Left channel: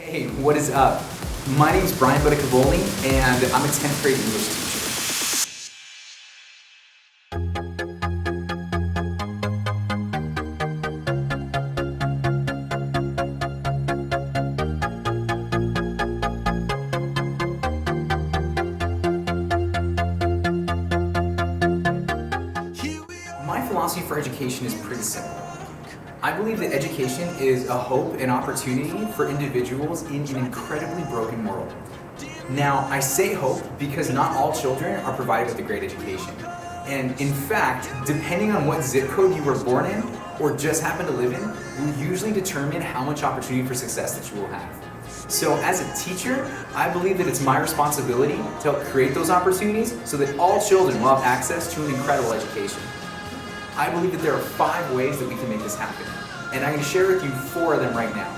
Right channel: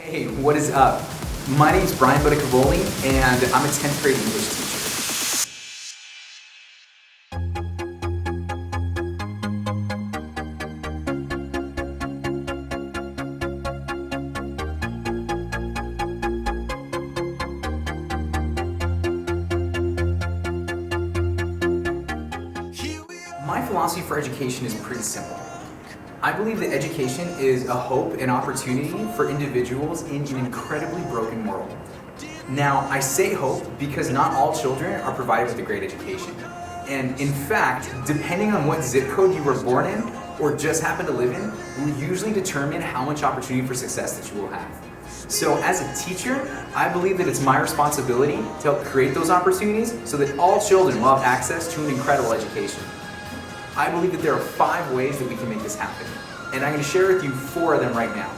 Hey, what is up? My name's Brian Budicavoli, and I'm a 10th grade English teacher. My philosophy for education is pretty simple. I believe that education is a hope and opportunity for individuals in an incredibly broken world. Now, I say hope because not all children are provided with a great education. And in fact, depending on what zip code you were born in or just happen to live in, will usually determine how much opportunity for success that you will have. So as a teacher, I believe that it's my responsibility to help create those opportunities so that all children will have access to an incredible education. I believe that there are 5 ways that we can make this happen. And I'm going to share with you 4 of them right now.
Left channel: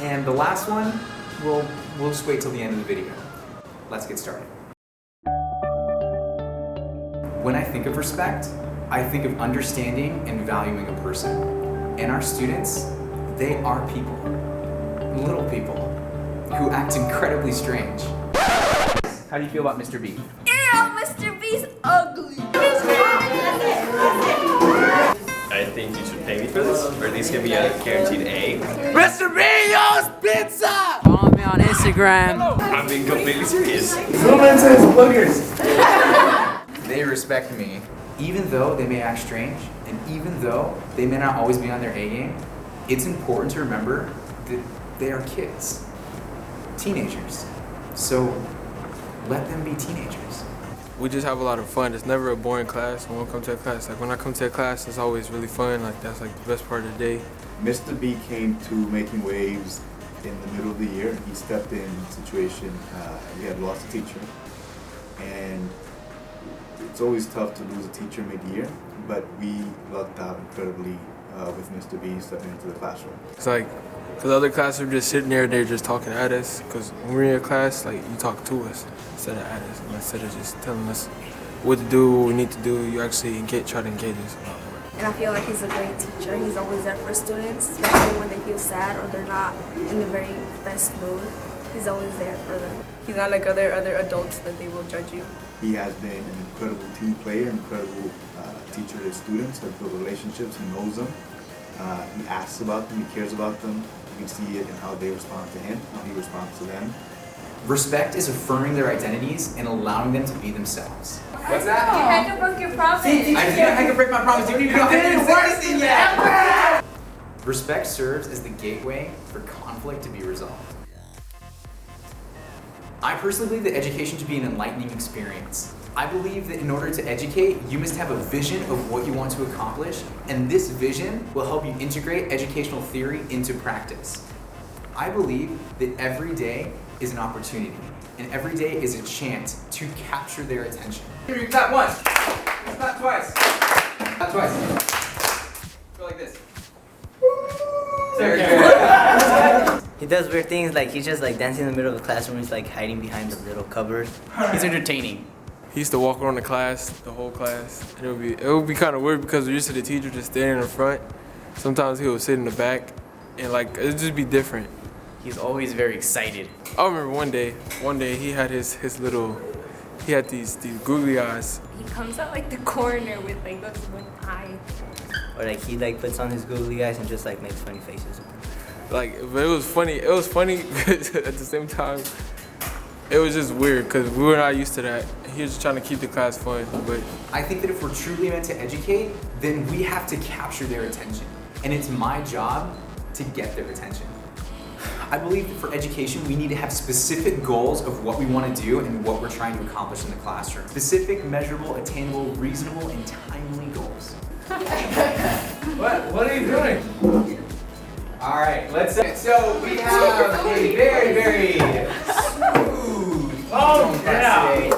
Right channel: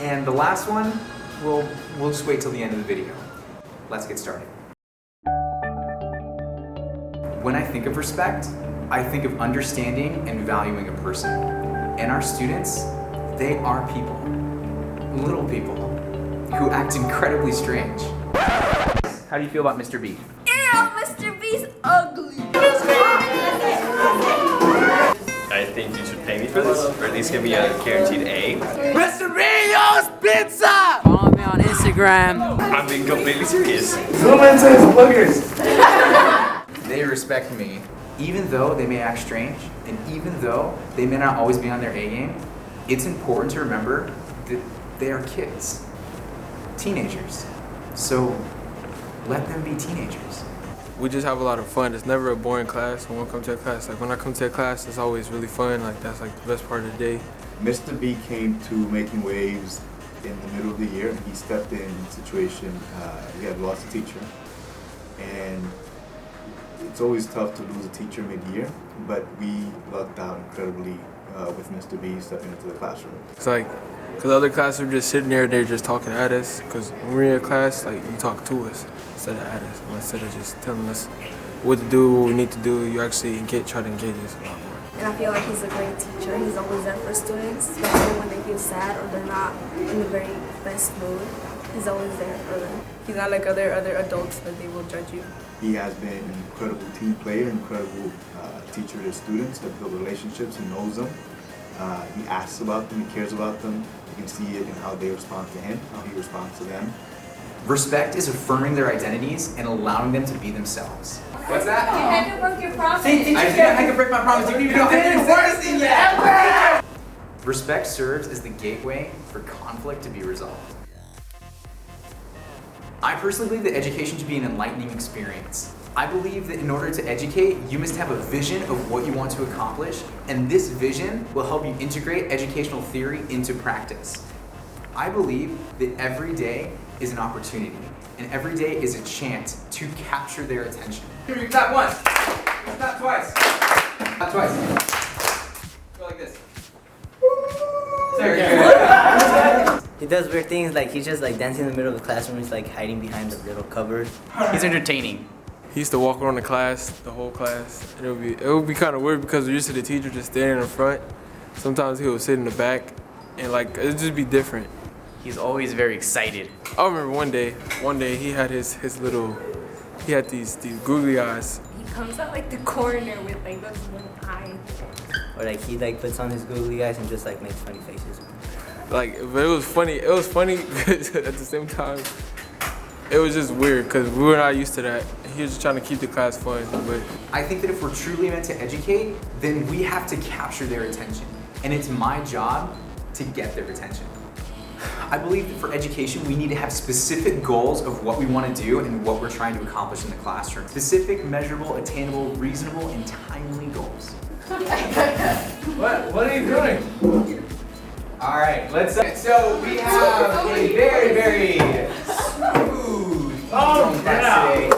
And the last one, we'll just wait till the end of the video. Let's get started. When I think of respect, I think of understanding and valuing a person. And our students, they are people. Little people who act incredibly strange. How do you feel about Mr. B? Ew, Mr. B's ugly. I think you should pay me for this, or at least give me a guaranteed A. Mr. Rio's Pizza! Follow me on Instagram. I'm being completely serious. Zoom into his boogers. They respect me. Even though they may act strange, and even though they may not always be on their A game, it's important to remember that they are kids, teenagers. So let them be teenagers. We just have a lot of fun. It's never a boring class when we come to a class. Like when I come to a class, it's always really fun. Like that's like the best part of the day. Mr. B came to making waves in the middle of the year. He stepped in a situation, he had lost a teacher, and it's always tough to lose a teacher mid-year, but we lucked out incredibly with Mr. B stepping into the classroom. It's like, cause other classes are just sitting there, they're just talking at us. Cause when we're in your class, like you talk to us instead of at us. Instead of just telling us what to do, what we need to do, you actually try to engage us a lot more. And I feel like he's a great teacher. He's always there for students, especially when they get sad or they're not in a very best mood. He's always there for them. He's not like other adults that they will judge you. He has been an incredible team player, incredible teacher to his students, has built relationships, he knows them. He asks about them, he cares about them. You can see it in how they respond to him, how he responds to them. Respect is affirming their identities and allowing them to be themselves. What's that? I can break your promise. I think I can break my promise. You don't even know I didn't say anything yet. Respect serves as the gateway for conflict to be resolved. I personally believe that education should be an enlightening experience. I believe that in order to educate, you must have a vision of what you want to accomplish, and this vision will help you integrate educational theory into practice. I believe that every day is an opportunity, and every day is a chance to capture their attention. Clap once, clap twice, clap twice. Go like this. He does weird things, like he's just like dancing in the middle of the classroom. He's like hiding behind the little cupboard. He's entertaining. He used to walk around the class, the whole class. And it would be kind of weird because we're used to the teacher just standing in the front. Sometimes he would sit in the back, and like it'd just be different. He's always very excited. I remember one day he had his little, he had these googly eyes. He comes out like the corner with like this one eye. Or like he like puts on his googly eyes and just like makes funny faces with them. Like, but it was funny because at the same time, it was just weird because we were not used to that. He was just trying to keep the class fun, but. I think that if we're truly meant to educate, then we have to capture their attention. And it's my job to get their attention. I believe that for education, we need to have specific goals of what we want to do and what we're trying to accomplish in the classroom. Specific, measurable, attainable, reasonable, and timely goals. What are you doing? All right, let's. So we have a very, very smooth class today.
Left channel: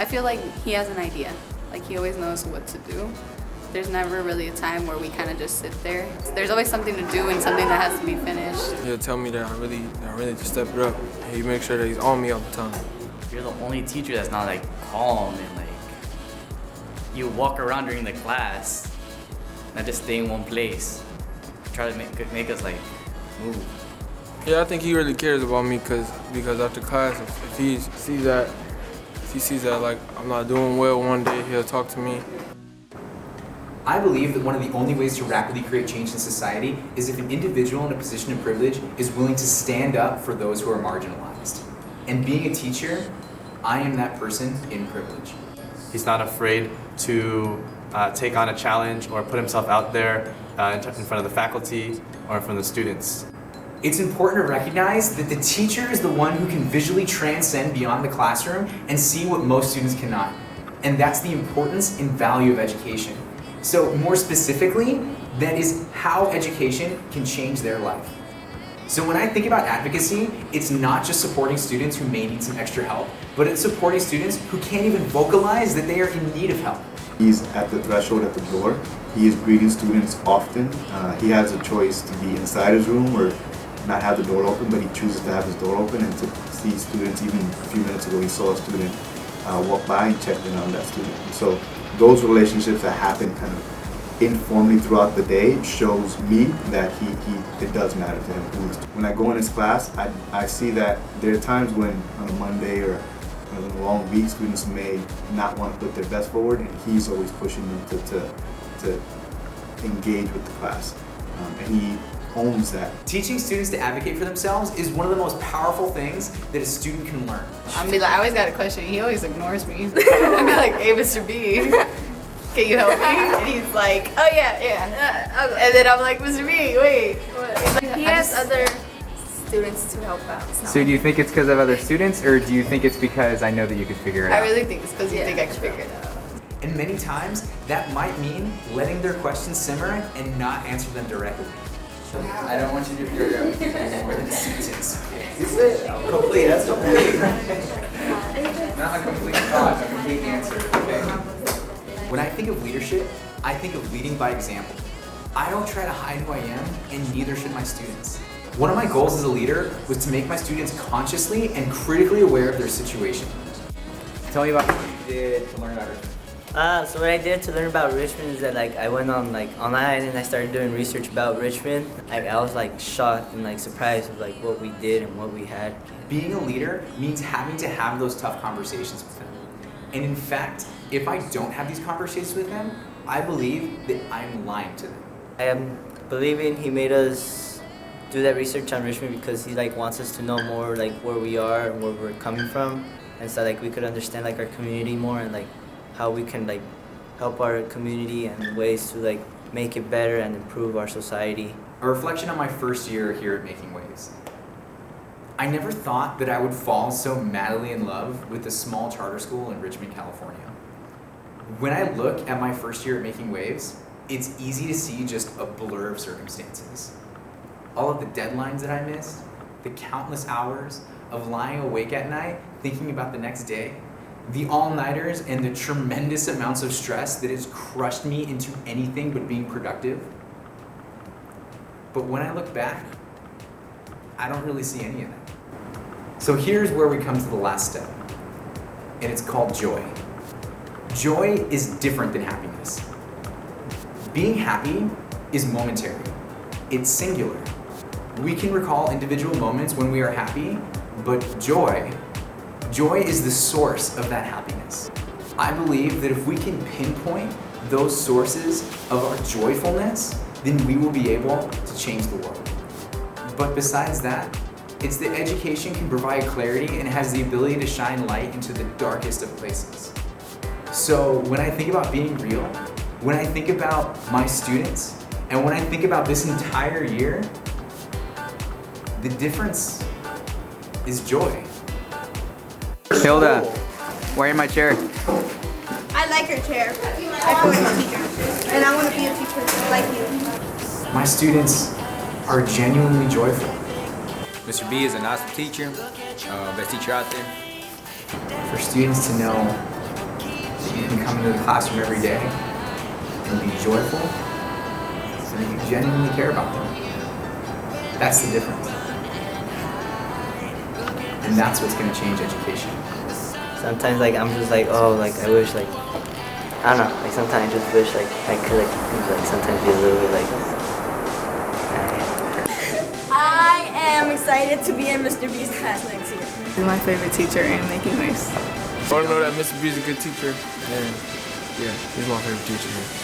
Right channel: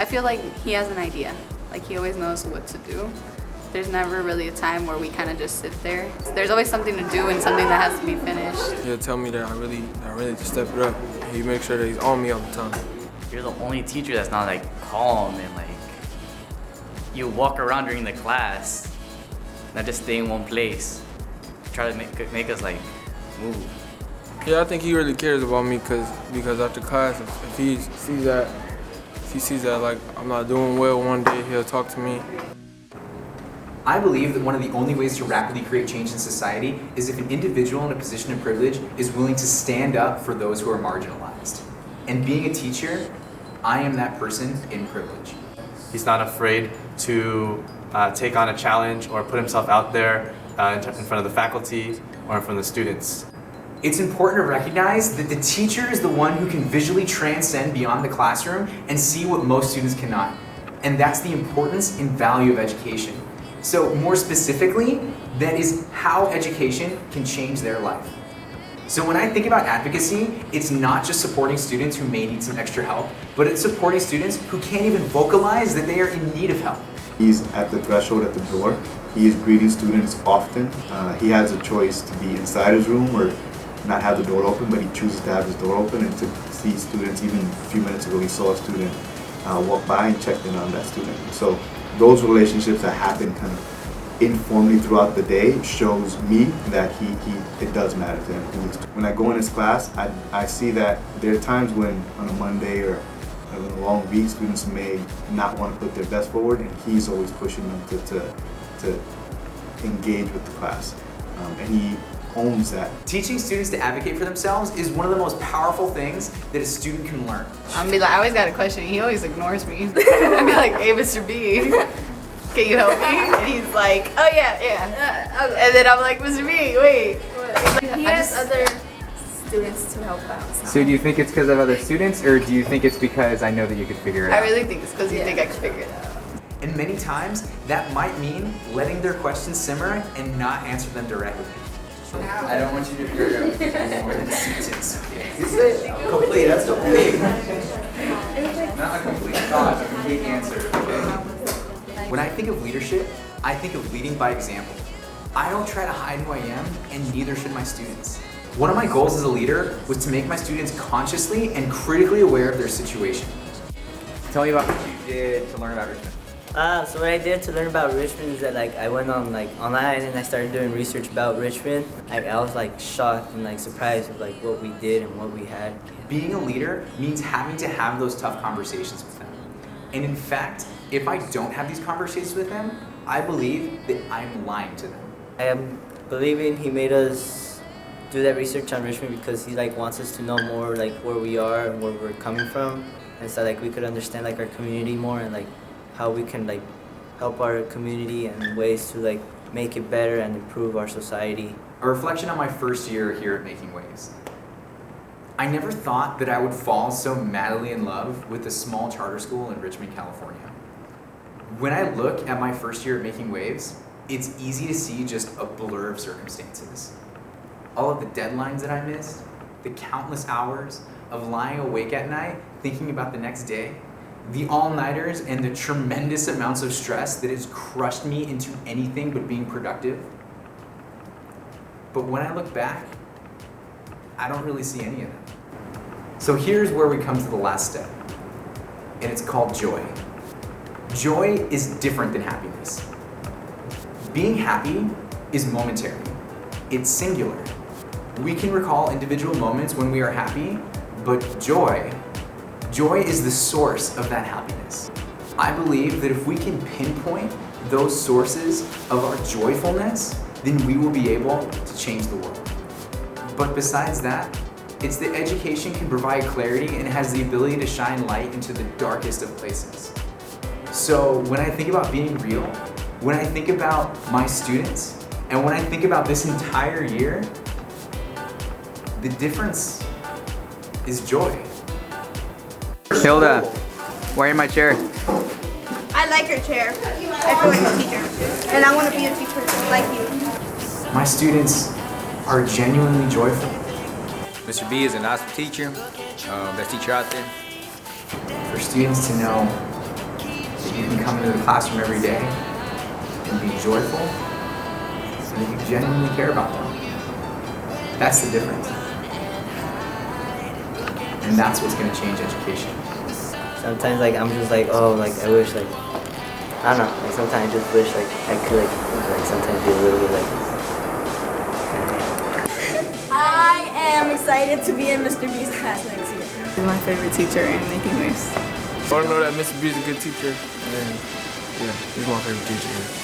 I feel like he has an idea. Like he always knows what to do. There's never really a time where we kind of just sit there. There's always something to do and something that has to be finished. He'll tell me that I really just step it up. He makes sure that he's on me all the time. You're the only teacher that's not like calm and like you walk around during the class, not just stay in one place. Try to make us like move. Yeah, I think he really cares about me because after class, if he sees that like I'm not doing well one day, he'll talk to me. I believe that one of the only ways to rapidly create change in society is if an individual in a position of privilege is willing to stand up for those who are marginalized. And being a teacher, I am that person in privilege. He's not afraid to take on a challenge or put himself out there in front of the faculty or in front of the students. It's important to recognize that the teacher is the one who can visually transcend beyond the classroom and see what most students cannot. And that's the importance and value of education. So more specifically, that is how education can change their life. So when I think about advocacy, it's not just supporting students who may need some extra help, but it's supporting students who can't even vocalize that they are in need of help. He's at the threshold at the door. He is greeting students often. He has a choice to be inside his room or not have the door open, but he chooses to have his door open and to see students. Even a few minutes ago, he saw a student walk by and checked in on that student. And so those relationships that happen kind of informally throughout the day shows me that it does matter to him. When I go in his class, I see that there are times when on a Monday or in a long week, students may not want to put their best forward, and he's always pushing them to engage with the class, and he owns that. Teaching students to advocate for themselves is one of the most powerful things that a student can learn. I'll be like, I always got a question. He always ignores me. I'll be like, hey, Mr. B, can you help me? And he's like, oh yeah. And then I'm like, Mr. B, wait. He has other students to help out. So do you think it's because of other students, or do you think it's because I know that you could figure it out? I really think it's because you think I can figure it out. And many times, that might mean letting their questions simmer and not answer them directly. I don't want you to figure out more than a sentence. Is it complete? That's complete. Not a complete thought, a complete answer. Okay? When I think of leadership, I think of leading by example. I don't try to hide who I am, and neither should my students. One of my goals as a leader was to make my students consciously and critically aware of their situation. Tell me about what you did to learn about Richmond. So what I did to learn about Richmond is that I went on online and I started doing research about Richmond. I was shocked and surprised with what we did and what we had. Being a leader means having to have those tough conversations with them. And in fact, if I don't have these conversations with them, I believe that I'm lying to them. I am believing he made us do that research on Richmond because he wants us to know more where we are and where we're coming from, and so we could understand our community more and how we can help our community and ways to make it better and improve our society. A reflection on my first year here at Making Waves. I never thought that I would fall so madly in love with a small charter school in Richmond, California. When I look at my first year at Making Waves, it's easy to see just a blur of circumstances. All of the deadlines that I missed, the countless hours of lying awake at night thinking about the next day, the all-nighters and the tremendous amounts of stress that has crushed me into anything but being productive. But when I look back, I don't really see any of that. So here's where we come to the last step, and it's called joy. Joy is different than happiness. Being happy is momentary. It's singular. We can recall individual moments when we are happy, but joy is the source of that happiness. I believe that if we can pinpoint those sources of our joyfulness, then we will be able to change the world. But besides that, it's that education can provide clarity and has the ability to shine light into the darkest of places. So when I think about being real, when I think about my students, and when I think about this entire year, the difference is joy. Hilda, why in my chair? I like your chair. I feel like a teacher. And I want to be a teacher like you. My students are genuinely joyful. Mr. B is an awesome teacher, best teacher out there. For students to know that you can come into the classroom every day and be joyful, and that you genuinely care about them. That's the difference. And that's what's going to change education. Sometimes I'm just I wish I don't know, sometimes I just wish I could sometimes be a little bit like him. I am excited to be in Mr. B's class next year. He's my favorite teacher in making waves. I want to know that Mr. B is a good teacher, and yeah, he's my favorite teacher here.